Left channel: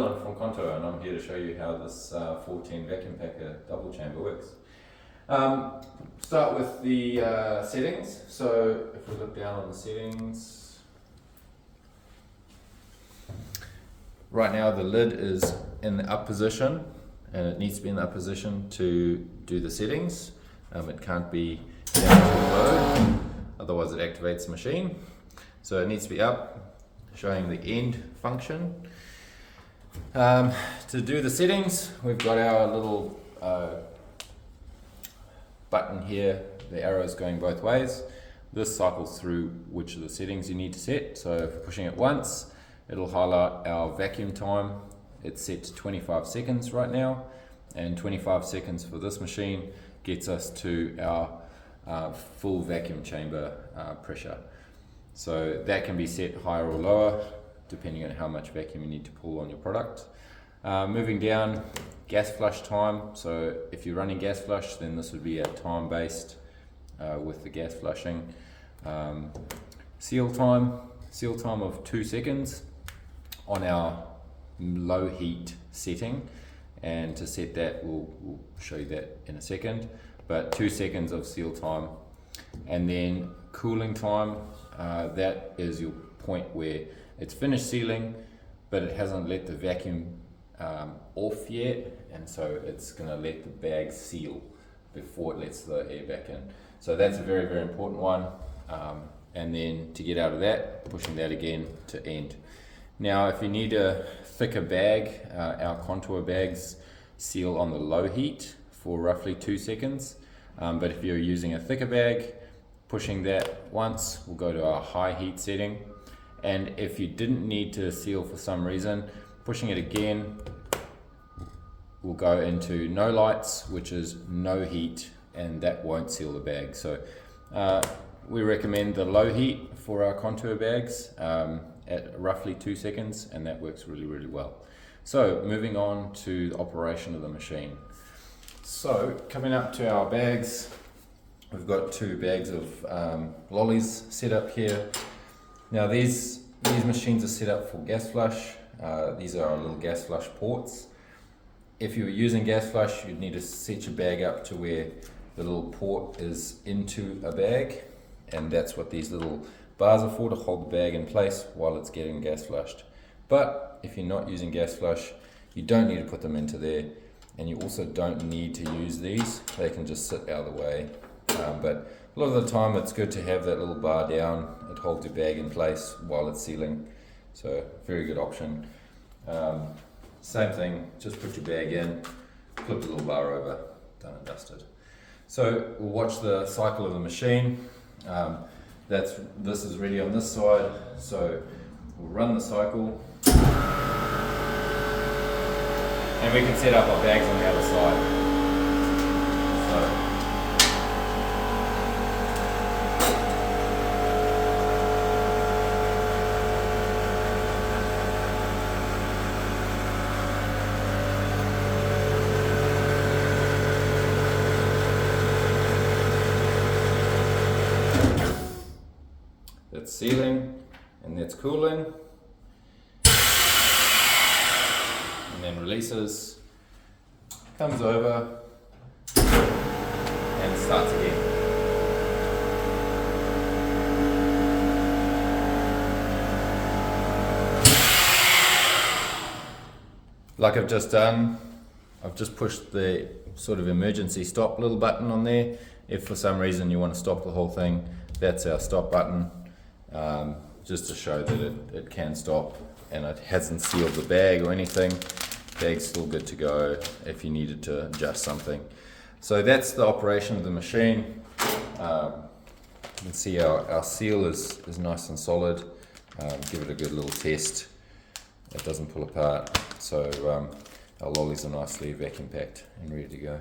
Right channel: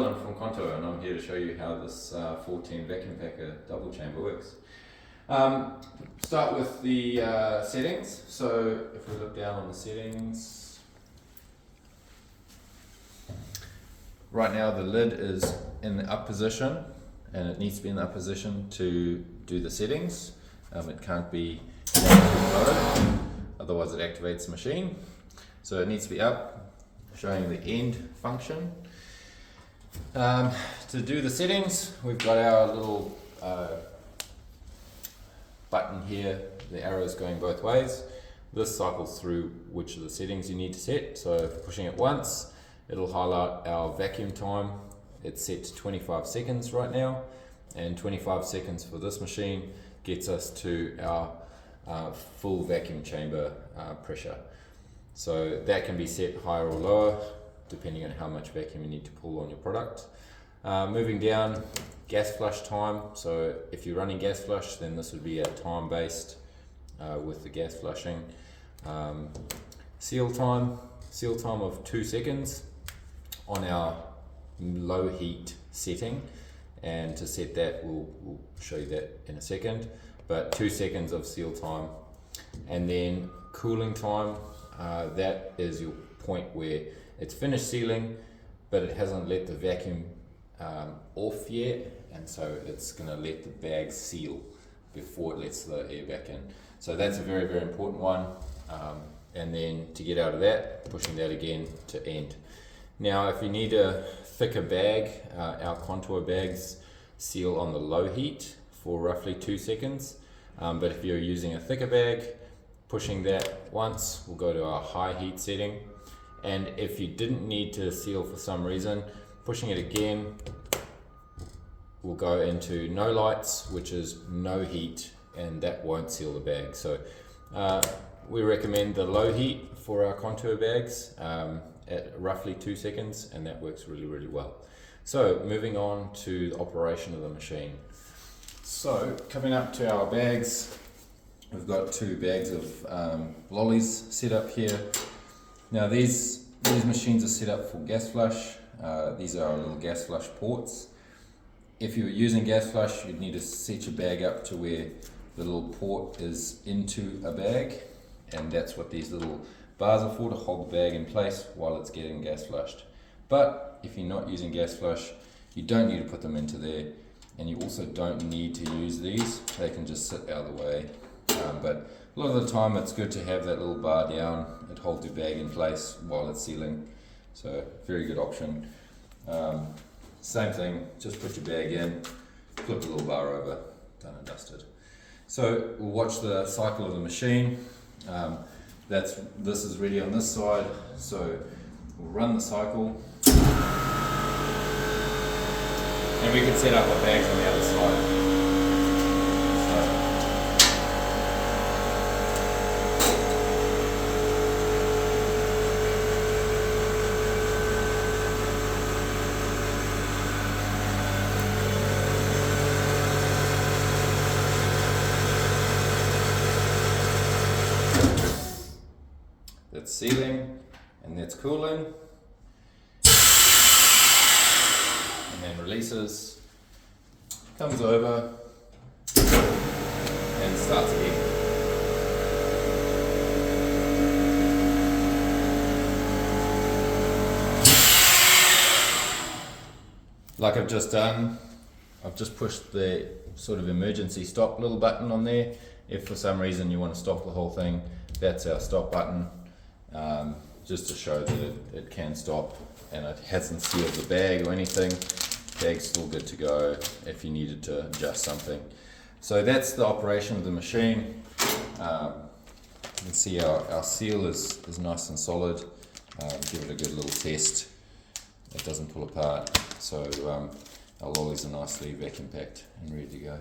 Dylan from Contour, and I'm here to show you how this 410 vacuum packer double chamber works. Start with the settings. So if we look down on the settings, right now the lid is in the up position, and it needs to be in the up position to do the settings. It can't be down or below, otherwise it activates the machine. So it needs to be up, showing the end function. To do the settings, we've got our little button here, the arrows going both ways. This cycles through which of the settings you need to set. So if pushing it once, it'll highlight our vacuum time. It's set to 25 seconds right now, and 25 seconds for this machine gets us to our full vacuum chamber pressure. So that can be set higher or lower depending on how much vacuum you need to pull on your product. Moving down, gas flush time. So if you're running gas flush, then this would be a time based with the gas flushing. Seal time of 2 seconds on our low heat setting, and to set that we'll show you that in a second, but 2 seconds of seal time. And then cooling time, that is your point where it's finished sealing but it hasn't let the vacuum off yet, and so it's going to let the bag seal before it lets the air back in. So that's a very, very important one. And then to get out of that, pushing that again to end. Now if you need a thicker bag, our Contour bags seal on the low heat for roughly 2 seconds. But if you're using a thicker bag, pushing that once will go to our high heat setting. And if you didn't need to seal for some reason, pushing it again will go into no lights, which is no heat, and that won't seal the bag. So we recommend the low heat for our Contour bags at roughly 2 seconds, and that works really, really well. So moving on to the operation of the machine. So coming up to our bags, we've got 2 bags of lollies set up here. Now these machines are set up for gas flush. These are our little gas flush ports. If you were using gas flush, you'd need to set your bag up to where the little port is into a bag, and that's what these little bars are for, to hold the bag in place while it's getting gas flushed. But if you're not using gas flush, you don't need to put them into there, and you also don't need to use these. They can just sit out of the way. But a lot of the time it's good to have that little bar down. It holds your bag in place while it's sealing. So very good option. Same thing, just put your bag in, flip the little bar over, done and dusted. So we'll watch the cycle of the machine. This is ready on this side, so we'll run the cycle. And we can set up our bags on the other side. That's sealing, and that's cooling, and then releases, comes over, and starts again. Like I've just done, I've just pushed the sort of emergency stop little button on there. If for some reason you want to stop the whole thing, that's our stop button. Just to show that it can stop, and it hasn't sealed the bag or anything. Bag's still good to go if you needed to adjust something. So that's the operation of the machine. You can see our seal is nice and solid. Give it a good little test. It doesn't pull apart. So our lollies are nicely vacuum packed and ready to go.